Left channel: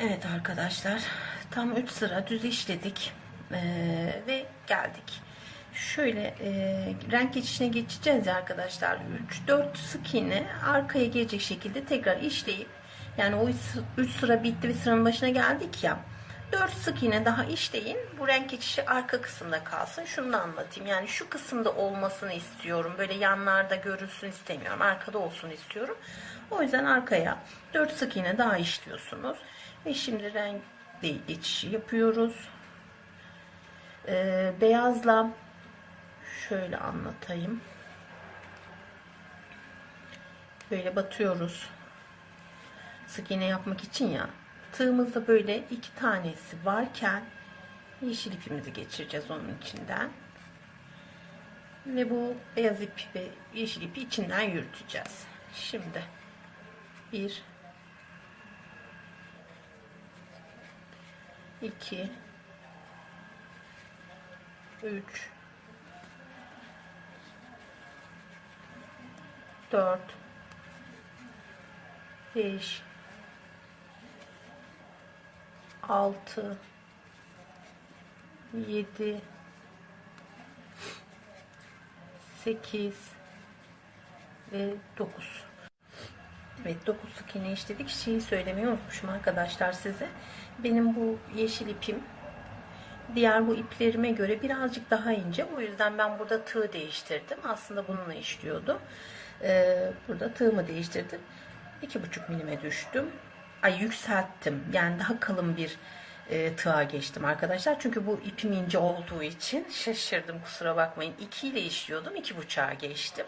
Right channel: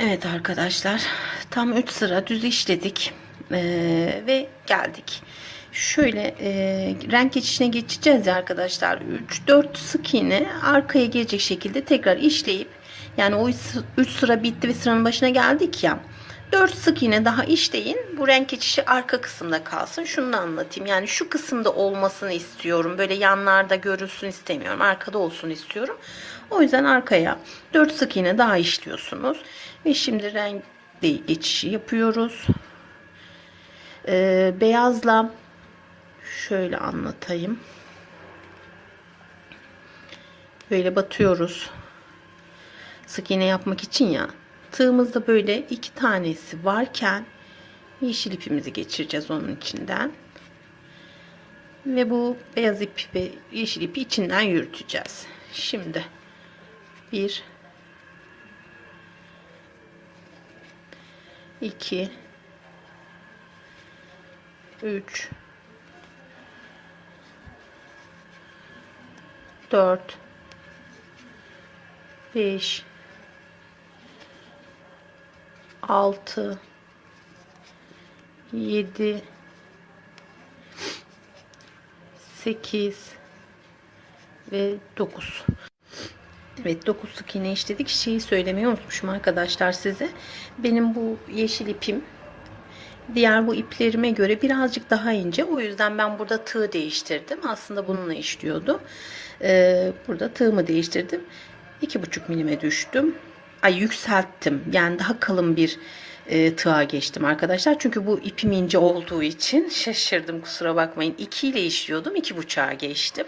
Evet arkadaşlar tam 3 sıra düz işledik Ee, ve geldik. Şöyle e, renk geçişine geçeceğiz ya arkadaşlar. 3-4 sık iğne arkaya gelecek şekilde tekrar işleyip yani o 3 sıra bitti ve sıranın başına geldik ya. 4 sık iğne daha işleyin. Bu renk geçişi arka kısımda kalsın. Şunu da anlatayım. Yani şu kısımda olmasını istiyorum. Böyle yanlarda görülsün istemiyorum. Arkada olsun istiyorum. O yüzden arkaya 4 sık iğne daha işliyorsunuz. Ve şimdi renk geçişi yapıyoruz. Ee, beyazla şöyle anlatayım. Böyle batıyoruz. Sık iğne yapmak için ya. Tığımızda böyle iki tanesi varken yeşil ipimizi geçireceğiz onun içinden. Ve bu beyaz ip ve yeşil ipi içinden yürüteceğiz. Şimdi bir 2 3 4 5 6 7 8 ve 9 Evet 9 sık iğne işledik. Şeyi söylemeyi unutmuşum arkadaşlar size. Benim bu yeşil ipim diğer bu iplerime göre birazcık daha ince. O yüzden ben burada tığ değiştirdim. Aslında bununla işliyordu. Ee, burada tığımı değiştirdim. 2,5 milime düştüm. Ay yükselttim. Yani daha kalın bir e, tığa geçtim arkadaşlar. Çünkü bu ipim ince olduğu için şaşırdım kusura bakmayın. 2 ile işliyordum. 2,5'a geçtim.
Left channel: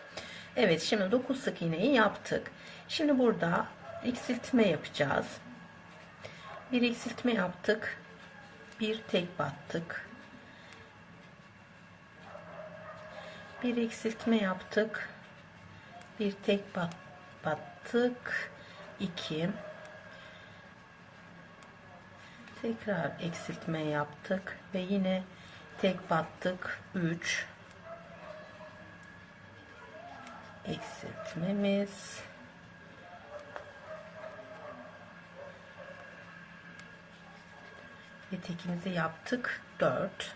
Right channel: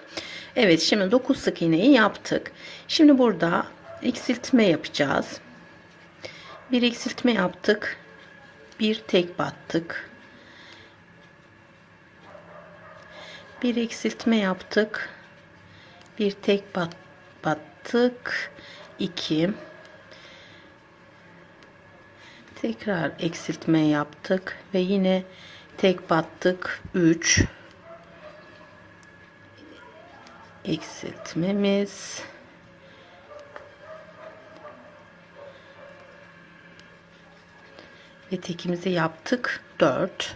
Evet şimdi 9 sık iğneyi yaptık. Şimdi burada eksiltme yapacağız. Bir eksiltme yaptık. Bir tek battık. Bir eksiltme yaptık. Bir tek bat, battık. 2 Tekrar eksiltme yaptık ve yine tek battık. 3 eksiltmemiz. Ve tekimizi yaptık. 4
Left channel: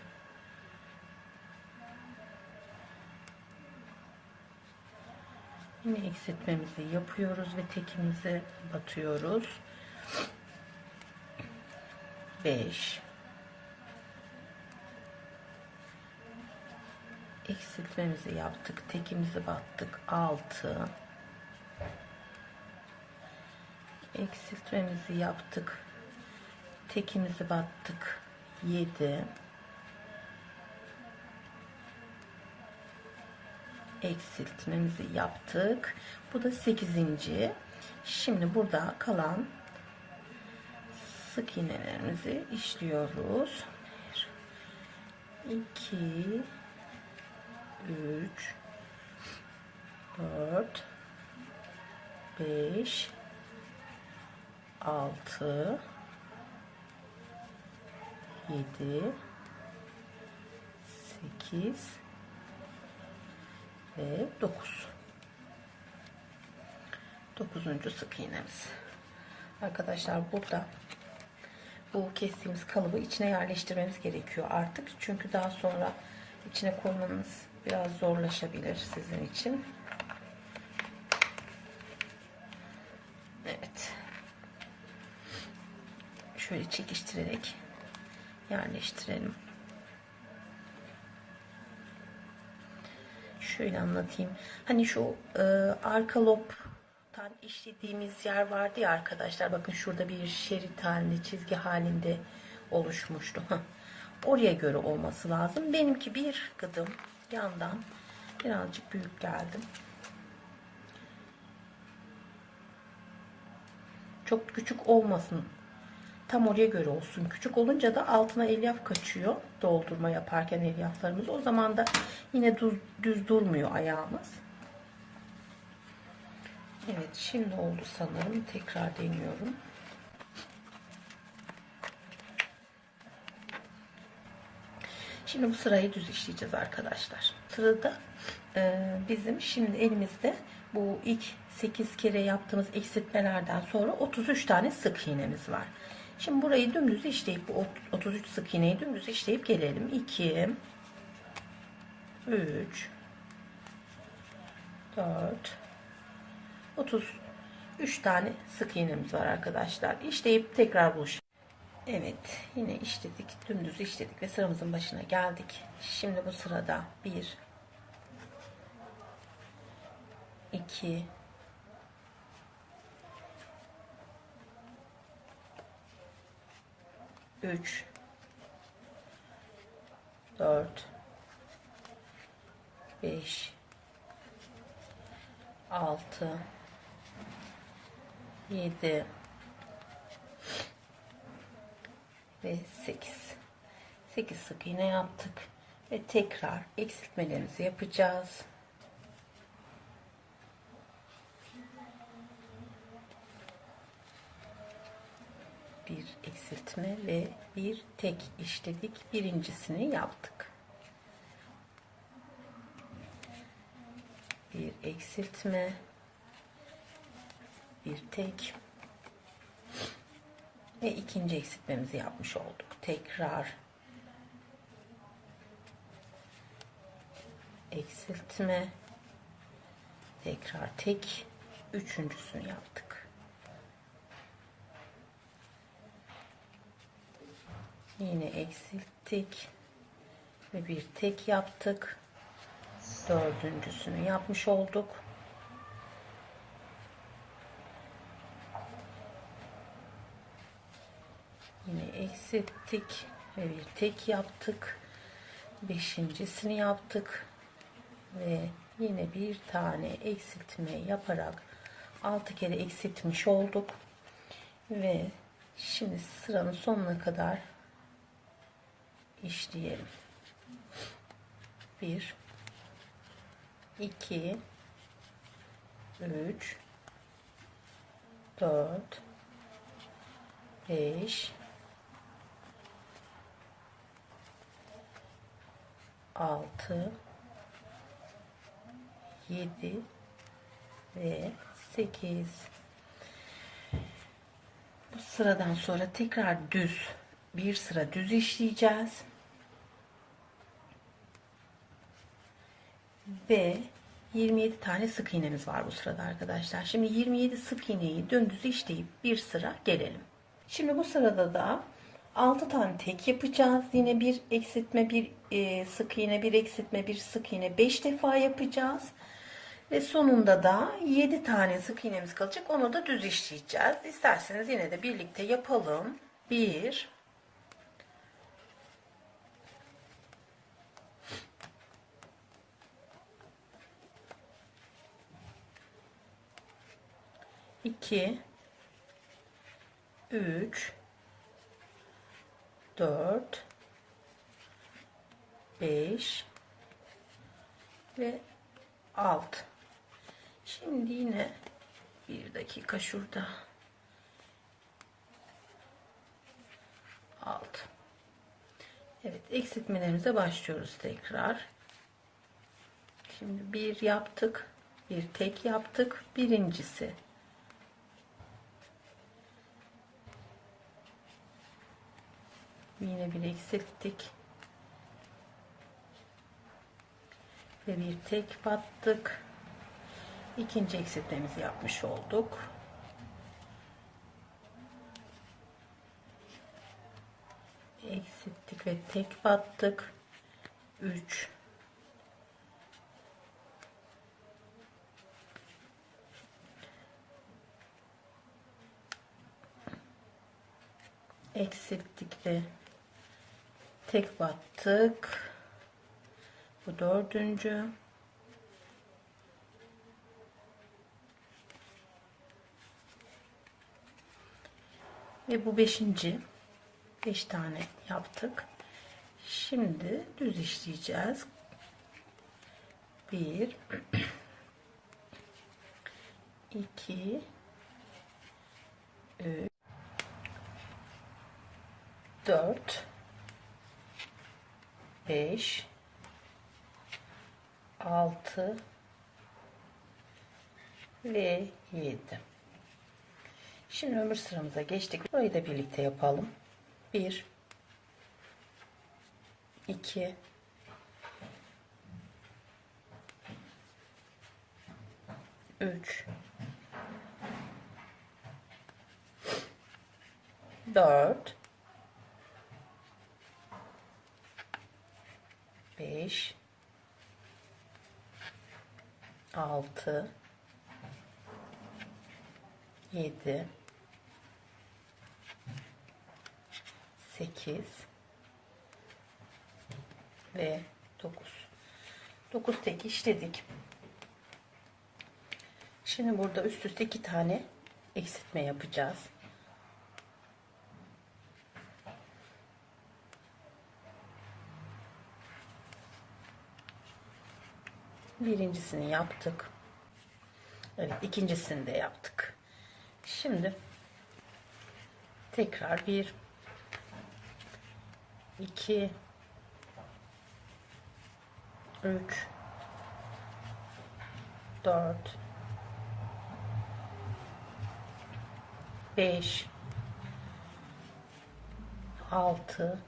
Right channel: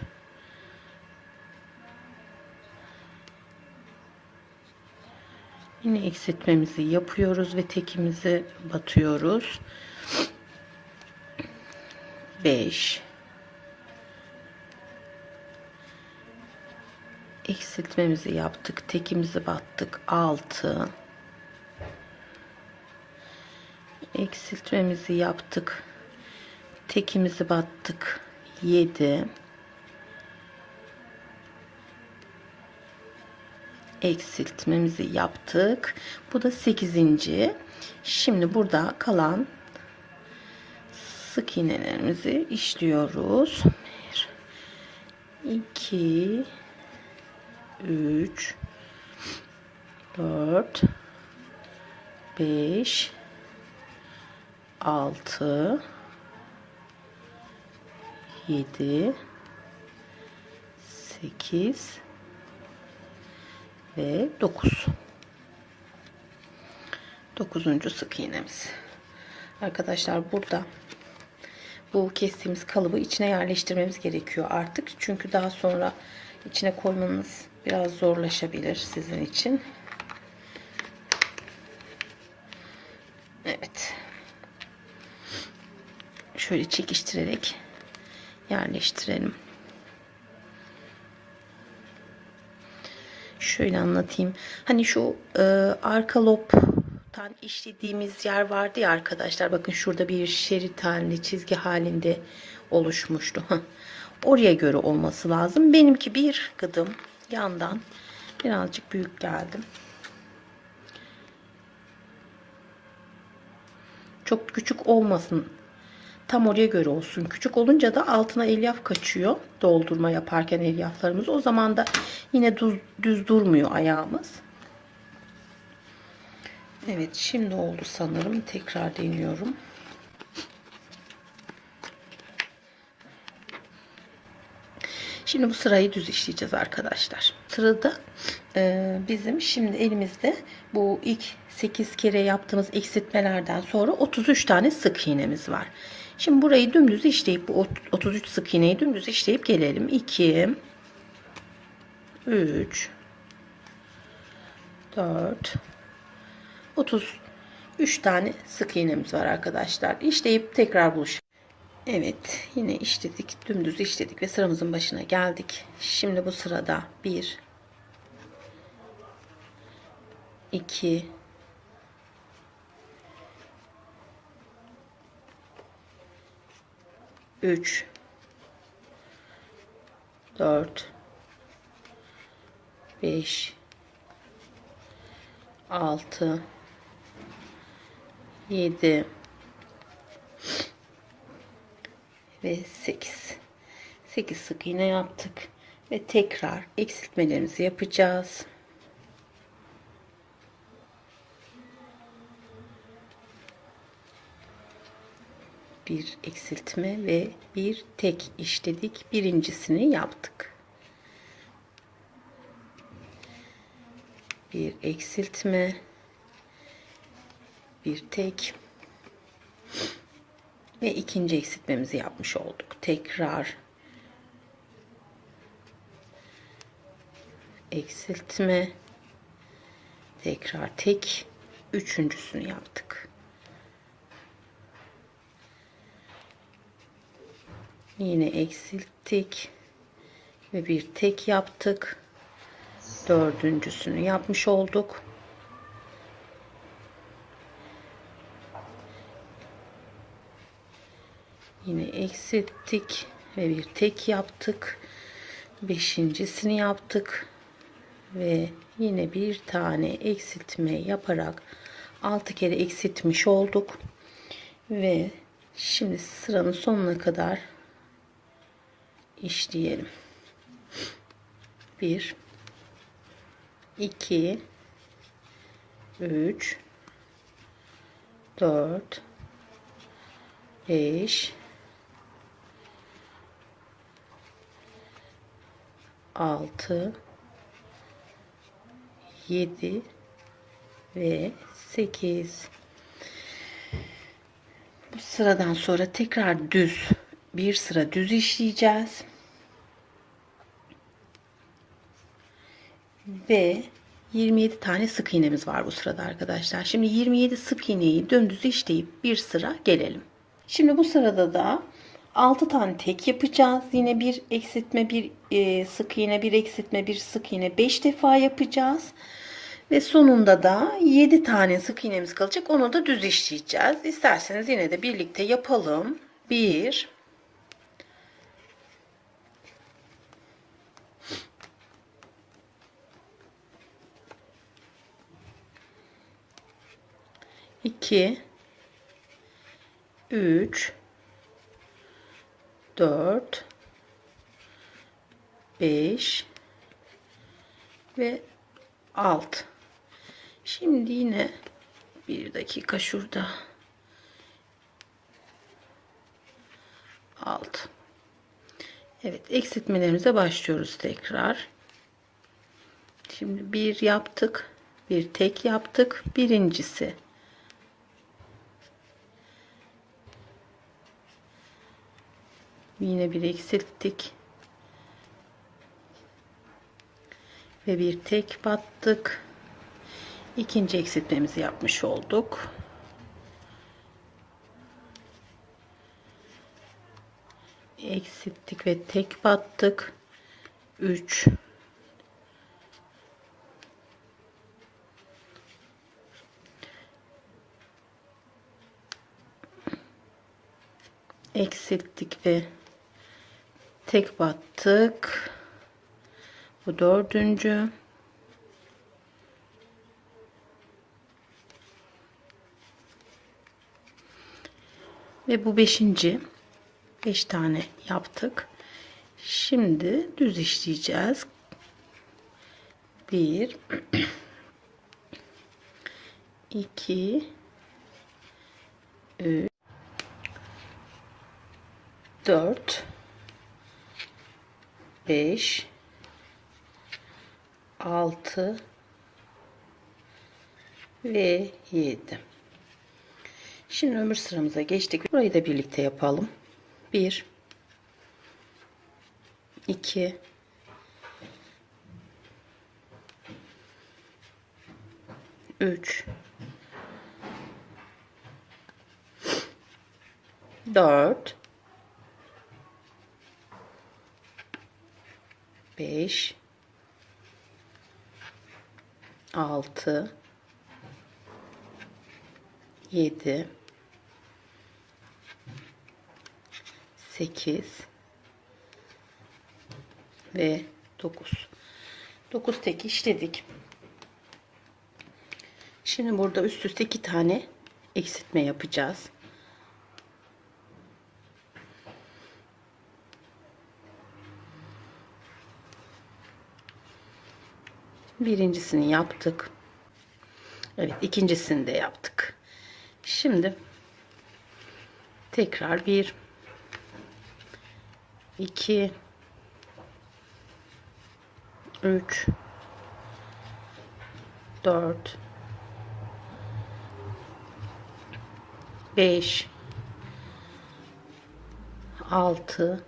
yine eksiltmemizi yapıyoruz ve tekimizi batıyoruz 5 eksiltmemizi yaptık tekimizi battık 6 eksiltmemizi yaptık tekimizi battık 7 eksiltmemizi yaptık. Bu da 8. şimdi burada kalan sık iğnelerimizi işliyoruz 1 2 3 4 5 6 7 8 ve 9 9. sık iğnemiz arkadaşlar burada bu kestiğimiz kalıbı içine yerleştirmemiz gerekiyor artık çünkü daha sonra içine koymanız biraz zorlaşabilir sizin için Evet şöyle çekiştirerek yerleştirelim. Şöyle anlatayım. Hani şu e, arka lobtan işlediğimiz yer vardı ya arkadaşlar. Bakın şurada bir şerit halinde, çizgi halinde oluşmuştu. Oraya göre olması lazım. Benimki bir gıdım yandan birazcık büyük geldim. Çok küçük olmasın tam oraya göre olsun. Küçük olunca da altına elyaf kaçıyor. Doldurma yaparken elyaflarımız. O zaman da yine düz, düz durmuyor ayağımız. Evet şimdi oldu sanırım. Tekrar deniyorum. Şimdi bu sırayı düz işleyeceğiz arkadaşlar. Sırada e, bizim şimdi elimizde bu ilk 8 kere yaptığımız eksiltmelerden sonra 33 tane sık iğnemiz var. Şimdi burayı dümdüz işleyip bu 33 sık iğneyi dümdüz işleyip gelelim. 2 3 4 33 tane sık iğnemiz var arkadaşlar. İşleyip tekrar buluşalım. Evet yine işledik dümdüz işledik ve sıramızın başına geldik. Şimdi bu sırada 1 2 3 4 5 6 7 ve 8 8 sık iğne yaptık ve tekrar eksiltmelerimizi yapacağız. bir eksiltme ve bir tek işledik. Birincisini yaptık. Bir eksiltme, bir tek ve ikinci eksiltmemizi yapmış olduk. Tekrar eksiltme, tekrar tek, üçüncüsünü yaptık. Yine eksilttik ve bir tek yaptık. Dördüncüsünü yapmış olduk. Yine eksilttik ve bir tek yaptık. Beşincisini yaptık ve yine bir tane eksiltme yaparak altı kere eksiltmiş olduk ve şimdi sıranın sonuna kadar işleyelim. 1 2 3 4 5 6 7 ve 8 bu sıradan sonra tekrar düz bir sıra düz işleyeceğiz. Ve 27 tane sık iğnemiz var bu sırada arkadaşlar. Şimdi 27 sık iğneyi dümdüz işleyip bir sıra gelelim. Şimdi bu sırada da 6 tane tek yapacağız. Yine bir eksiltme, bir e, sık iğne, bir eksiltme, bir sık iğne 5 defa yapacağız. Ve sonunda da 7 tane sık iğnemiz kalacak. Onu da düz işleyeceğiz. İsterseniz yine de birlikte yapalım. 1 2 3 4 5 ve 6 şimdi yine bir dakika şurada. 6 Evet eksiltmelerimize başlıyoruz tekrar. Şimdi bir yaptık bir tek yaptık. Birincisi yine bir eksilttik. Ve bir tek battık. İkinci eksiltmemizi yapmış olduk. Eksilttik ve tek battık. 3 eksilttik ve tek battık. Bu dördüncü. Ve bu beşinci. Beş tane yaptık. Şimdi düz işleyeceğiz. Bir. İki. Üç. Dört 5 6 ve 7. Şimdi öbür sıramıza geçtik. Burayı da birlikte yapalım. 1 2 3 4 5 6 7 8 ve 9 9 tek işledik. Şimdi burada üst üste iki tane eksiltme yapacağız birincisini yaptık. Evet ikincisini de yaptık. Şimdi tekrar bir 2 3 4 5 6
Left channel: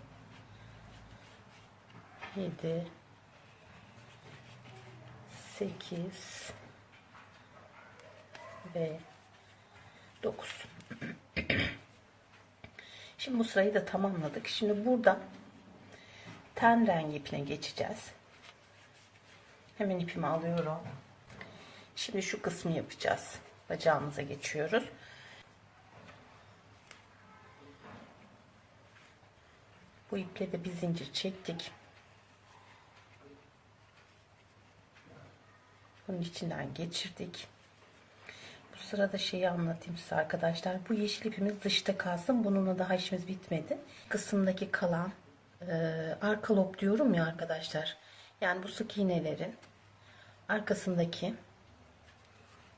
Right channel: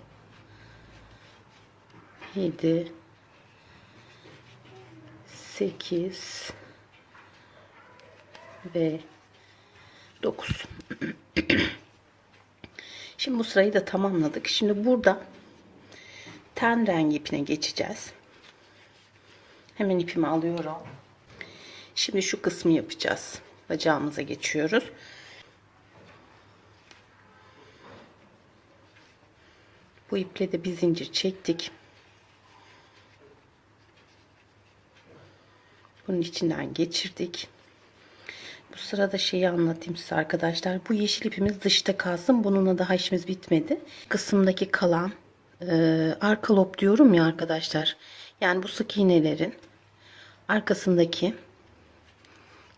7 8 ve 9 Şimdi bu sırayı da tamamladık. Şimdi burada ten rengi ipine geçeceğiz. Hemen ipimi alıyorum. Şimdi şu kısmı yapacağız. Bacağımıza geçiyoruz. Bu iple de bir zincir çektik. Bunun içinden geçirdik. Bu sırada şeyi anlatayım size arkadaşlar. Bu yeşil ipimiz dışta kalsın. Bununla daha işimiz bitmedi. Kısımdaki kalan e, arka lob diyorum ya arkadaşlar. Yani bu sık iğnelerin arkasındaki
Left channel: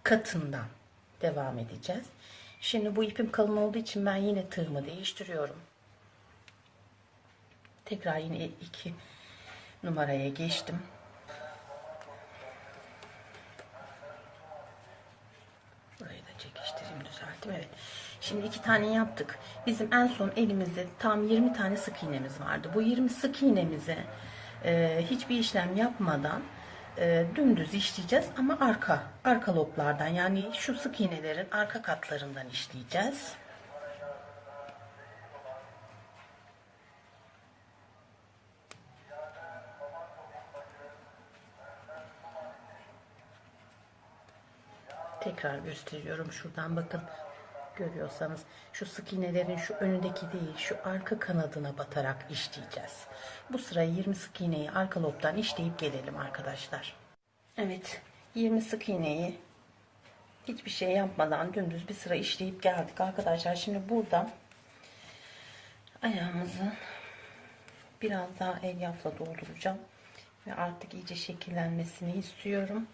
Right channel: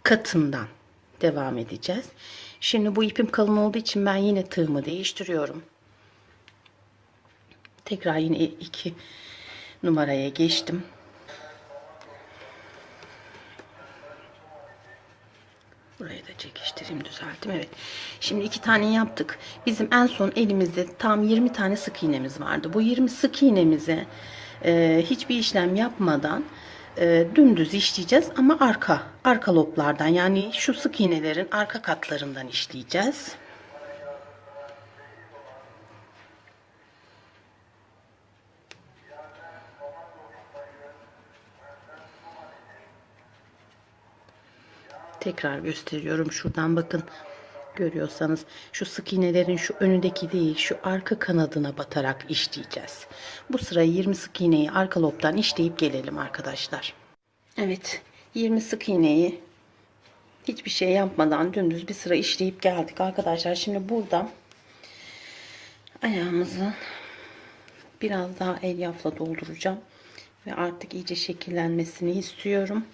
katından devam edeceğiz. Şimdi bu ipim kalın olduğu için ben yine tığımı değiştiriyorum. Tekrar yine iki numaraya geçtim. Düzelttim. Evet. Şimdi iki tane yaptık. Bizim en son elimizde tam 20 tane sık iğnemiz vardı. Bu 20 sık iğnemize e, hiçbir işlem yapmadan e, dümdüz işleyeceğiz ama arka arka loblardan yani şu sık iğnelerin arka katlarından işleyeceğiz. Tekrar gösteriyorum. Şuradan bakın. Görüyorsanız şu sık iğnelerin şu önündeki değil şu arka kanadına batarak işleyeceğiz. Bu sırayı 20 sık iğneyi arka lobdan işleyip gelelim arkadaşlar. Evet 20 sık iğneyi hiçbir şey yapmadan dümdüz bir sıra işleyip geldik arkadaşlar. Şimdi burada ayağımızı biraz daha elyafla dolduracağım ve artık iyice şekillenmesini istiyorum.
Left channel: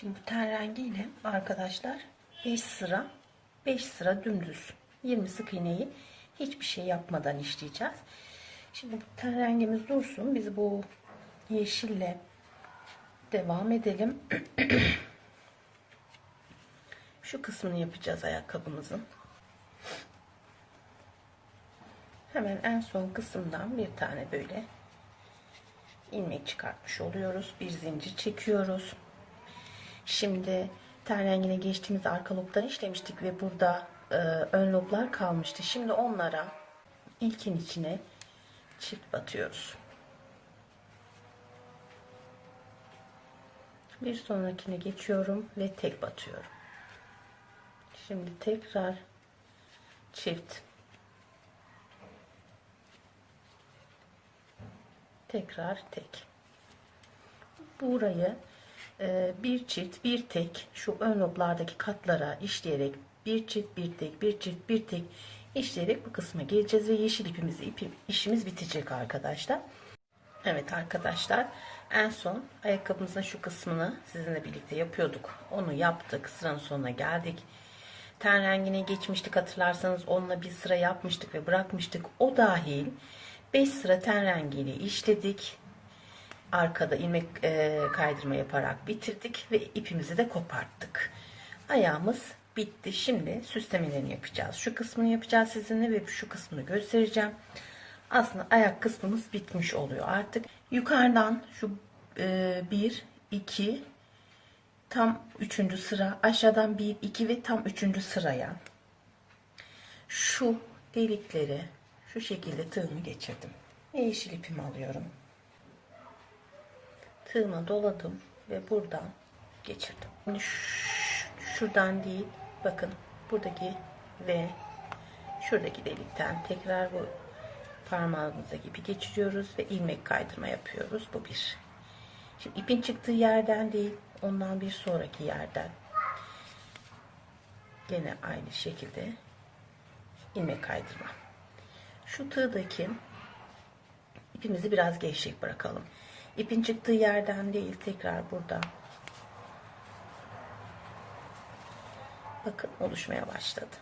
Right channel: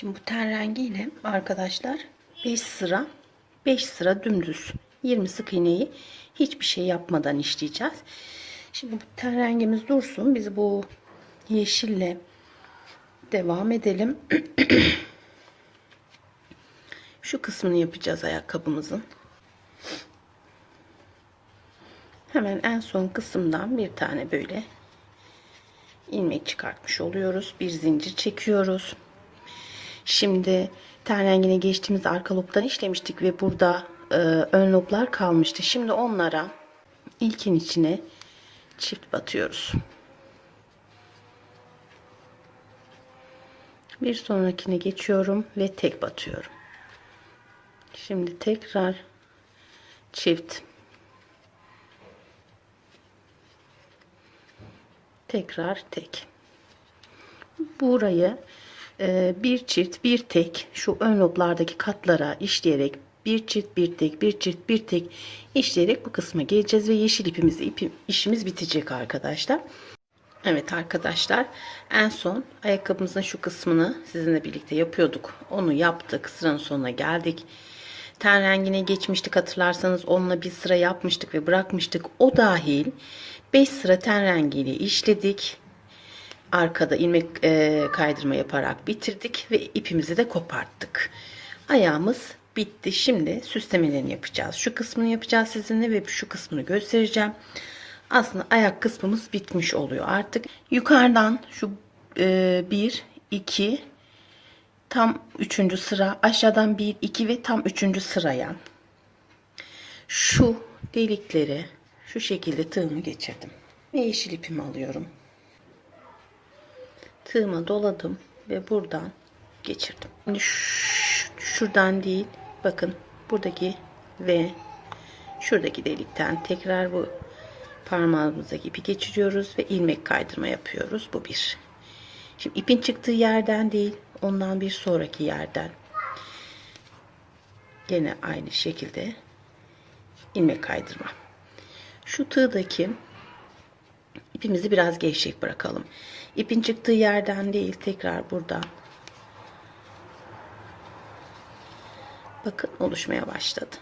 Şimdi bu ten rengiyle arkadaşlar 5 sıra 5 sıra dümdüz 20 sık iğneyi hiçbir şey yapmadan işleyeceğiz. Şimdi bu ten rengimiz dursun. Biz bu yeşille devam edelim. Şu kısmını yapacağız ayakkabımızın. Hemen en son kısımdan bir tane böyle ilmek çıkartmış oluyoruz. Bir zincir çekiyoruz. Şimdi ten rengine geçtiğimiz arka lobdan işlemiştik ve burada e, ön loblar kalmıştı. Şimdi onlara ilkin içine çift batıyoruz. Bir sonrakine geçiyorum ve tek batıyorum. Şimdi tekrar çift tekrar tek. Burayı bir çift bir tek şu ön loblardaki katlara işleyerek bir çift bir tek bir çift bir tek işleyerek bu kısma geleceğiz ve yeşil ipimizi ipim, işimiz bitecek arkadaşlar. Evet arkadaşlar en son ayakkabımızın şu kısmını sizinle birlikte yapıyorduk. Onu yaptık sıranın sonuna geldik. ten rengine geçmiştik hatırlarsanız onunla bir sıra yapmıştık ve bırakmıştık. O dahil 5 sıra ten rengiyle işledik. Arkada ilmek e, kaydırma yaparak bitirdik ve ipimizi de koparttık. Ayağımız bitti. Şimdi süslemelerini yapacağız. Şu kısmını yapacağız sizinle ve şu kısmını göstereceğim. Aslında ayak kısmımız bitmiş oluyor artık. Yukarıdan şu e, 1, 2, tam üçüncü sıra aşağıdan 1 2 ve tam üçüncü sıraya şu delikleri şu şekilde tığımı geçirdim ve yeşil ipimi alıyorum tığıma doladım ve buradan geçirdim Şimdi ş- şuradan değil bakın buradaki ve şuradaki delikten tekrar bu parmağımıza gibi geçiriyoruz ve ilmek kaydırma yapıyoruz bu bir Şimdi ipin çıktığı yerden değil, ondan bir sonraki yerden. Gene aynı şekilde ilmek kaydırma. Şu tığdaki ipimizi biraz gevşek bırakalım. İpin çıktığı yerden değil, tekrar buradan. Bakın oluşmaya başladı.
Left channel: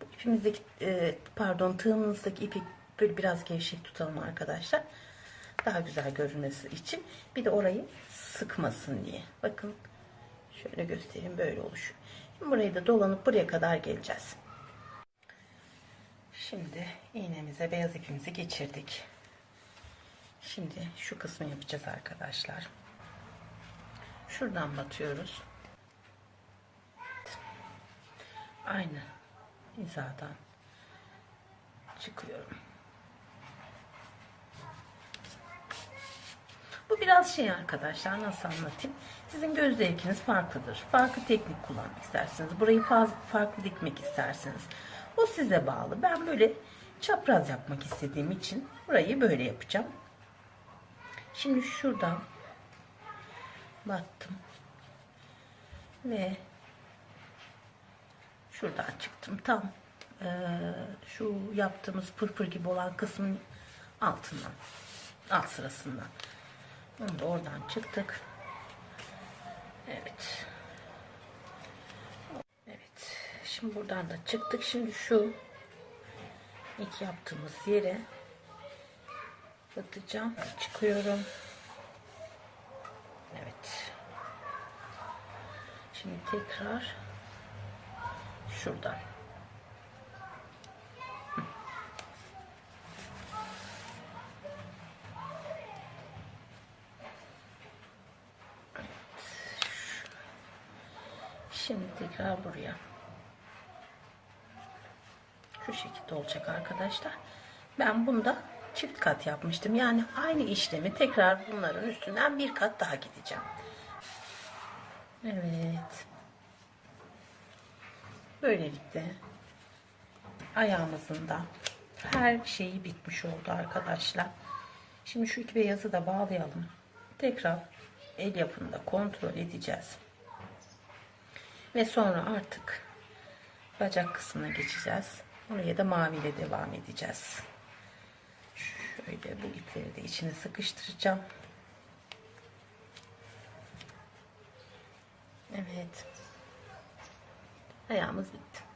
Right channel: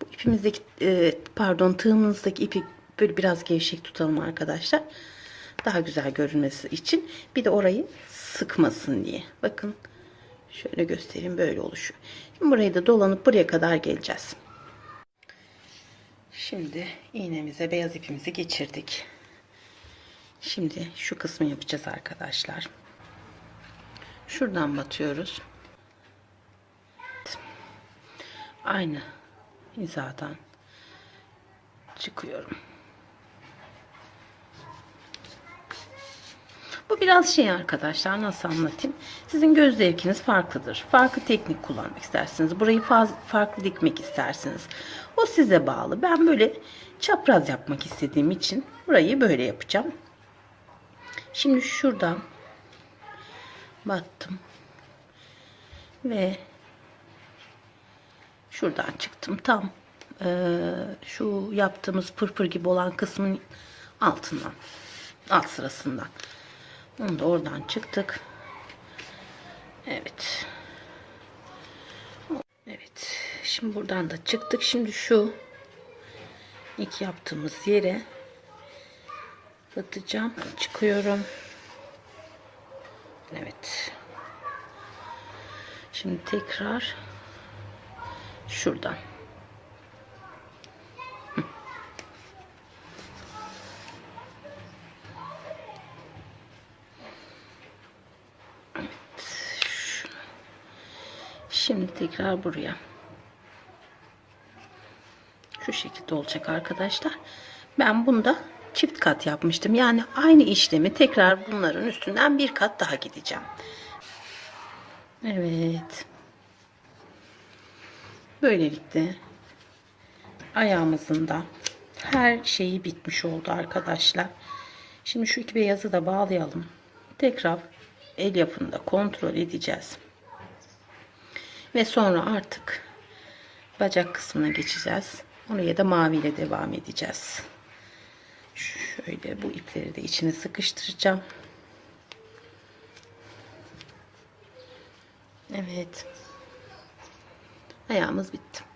Bu ipimizdeki e, pardon tığımızdaki ipi böyle biraz gevşek tutalım arkadaşlar. Daha güzel görünmesi için. Bir de orayı sıkmasın diye. Bakın şöyle göstereyim böyle oluşuyor. Şimdi burayı da dolanıp buraya kadar geleceğiz. Şimdi iğnemize beyaz ipimizi geçirdik. Şimdi şu kısmı yapacağız arkadaşlar. Şuradan batıyoruz. Aynı hizadan çıkıyorum. Bu biraz şey arkadaşlar nasıl anlatayım? Sizin göz zevkiniz farklıdır. Farklı teknik kullanmak istersiniz. Burayı faz, farklı dikmek istersiniz. O size bağlı. Ben böyle çapraz yapmak istediğim için burayı böyle yapacağım. Şimdi şuradan battım. Ve şuradan çıktım. Tam e, şu yaptığımız pırpır gibi olan kısmın altından. Alt sırasından. Onu da oradan çıktık. Evet. Evet. Şimdi buradan da çıktık. Şimdi şu ilk yaptığımız yere batacağım. Çıkıyorum. Evet. Şimdi tekrar şuradan. Şimdi tekrar buraya. Şu şekilde olacak arkadaşlar. Ben bunda çift kat yapmıştım. Yani aynı işlemi tekrar bunların üstünden bir kat daha gideceğim. Evet. Böylelikle ayağımızın da her şeyi bitmiş oldu arkadaşlar. Şimdi şu iki beyazı da bağlayalım. Tekrar el yapımında kontrol edeceğiz. Ve sonra artık bacak kısmına geçeceğiz. Oraya da maviyle devam edeceğiz. Şöyle bu ipleri de içine sıkıştıracağım. Evet. Ayağımız bitti.